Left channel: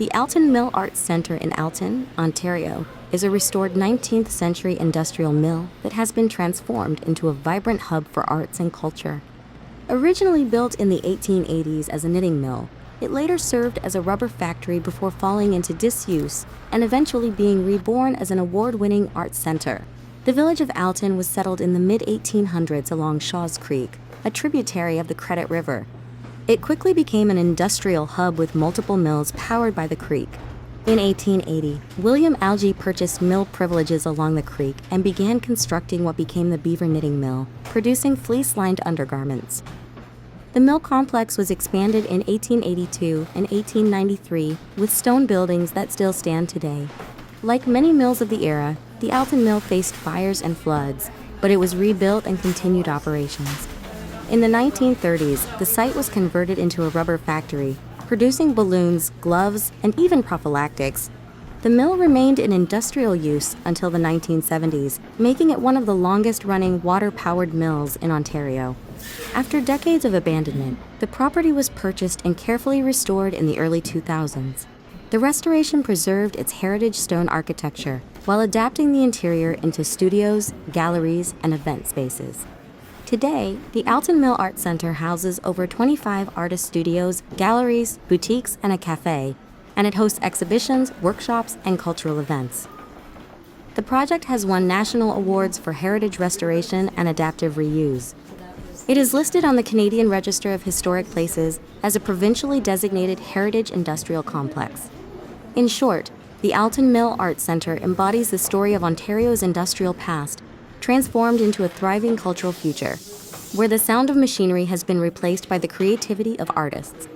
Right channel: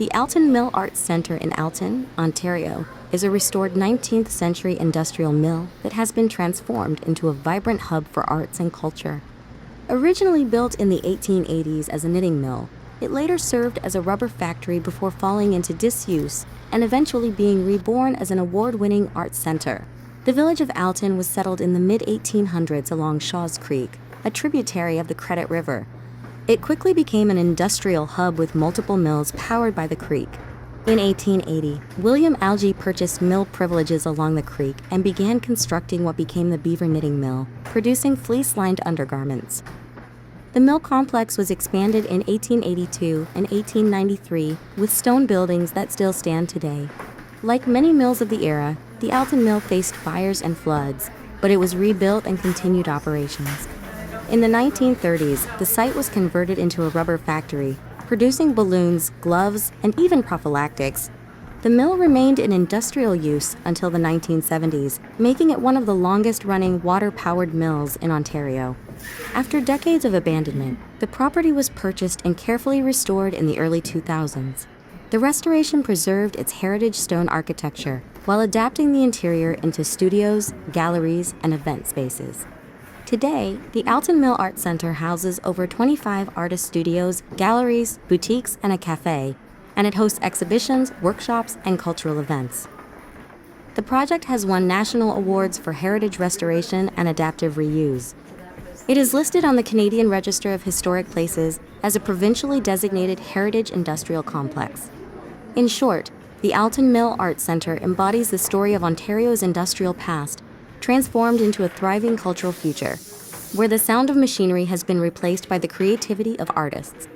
The Alton Mill Arts Centre in Alton, Ontario, is a restored 19th century industrial mill that has been transformed into a vibrant hub for arts and culture. Originally built in the 1880s as a knitting mill, it later served as a rubber factory before falling into disuse and eventually being reborn as an award-winning arts center. The village of Alton was settled in the mid-1800s along Shaw's Creek, a tributary of the Credit River. It quickly became an industrial hub with multiple mills powered by the creek. In 1880, William Algie purchased mill privileges along the creek and began constructing what became the Beaver Knitting Mill, producing fleece-lined undergarments. The mill complex was expanded in 1882 and 1893 with stone buildings that still stand today. Like many mills of the era, the Alton Mill faced fires and floods, but it was rebuilt and continued operations. In the 1930s, the site was converted into a rubber factory, producing balloons, gloves, and even prophylactics. The mill remained in industrial use until the 1970s, making it one of the longest-running water-powered mills in Ontario. After decades of abandonment, the property was purchased and carefully restored in the early 2000s. The restoration preserved its heritage stone architecture while adapting the interior into studios, galleries, and event spaces. Today, the Alton Mill Arts Centre houses over 25 artist studios, galleries, boutiques, and a café, and it hosts exhibitions, workshops, and cultural events. The project has won national awards for heritage restoration and adaptive reuse. It is listed on the Canadian Register of Historic Places as a provincially designated heritage industrial complex. In short, the Alton Mill Arts Centre embodies the story of Ontario's industrial past, transformed into a thriving cultural future, where the sound of machinery has been replaced by the creativity of artists.